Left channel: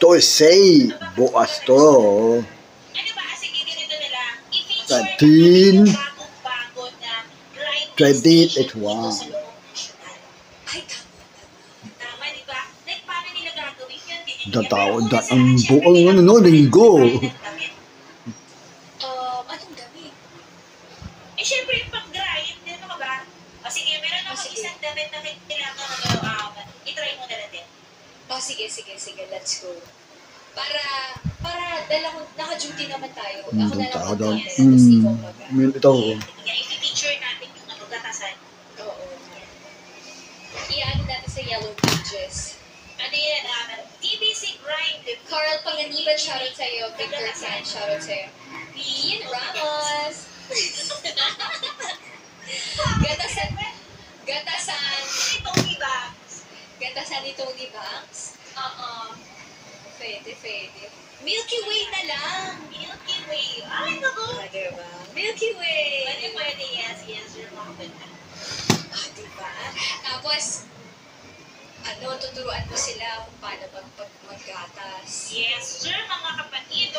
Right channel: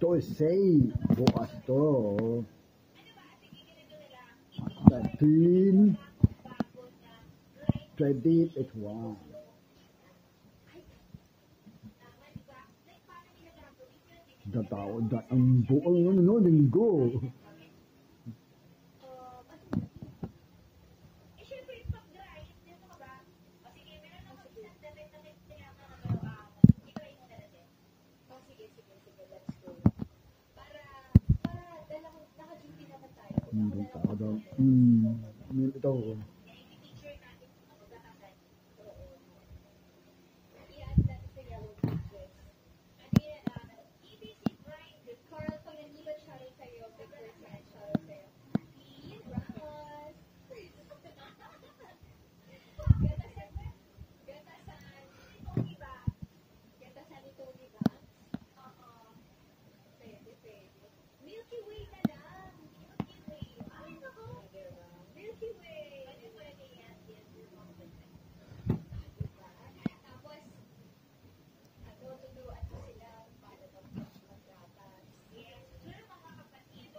12 bukas to. Ano ba? Sige, ganito na lang. 13, I-feature natin yung bago na grinding 28, station 81. dito sa loob ng national. Ay, tama, di ba? Like, paano nila gagawin yun? Dataon ang buong ano, linggo. Anong damit? Eh, syempre yung pag-grind, ano ka ba? O sige, meron ako isang damit na kailangan i-try mo na natin. Sige, let's go. Para naka-duty naman tayo. Ako na lang Dataon daw. mag-content, tapos ikaw mag-grind. Ito. I-feature natin yung gatasan. Oo. I-ano natin sa Yellow Pages. Ano yan? TBC Grind. Carl Panganiban, shoutout sa'yo. Victor San, shoutout sa'yo. Ian Ramos. Gatasan ni Tony Banks. Oo. Pwede. Milky Way na lang. Milky Way. Ay, naku. Diba? Milky Way. Pwede. Yes. You're welcome. Diba? Tapos, tuturuan mo sila kung paano maggatas. Yes, sir, mga kapatid.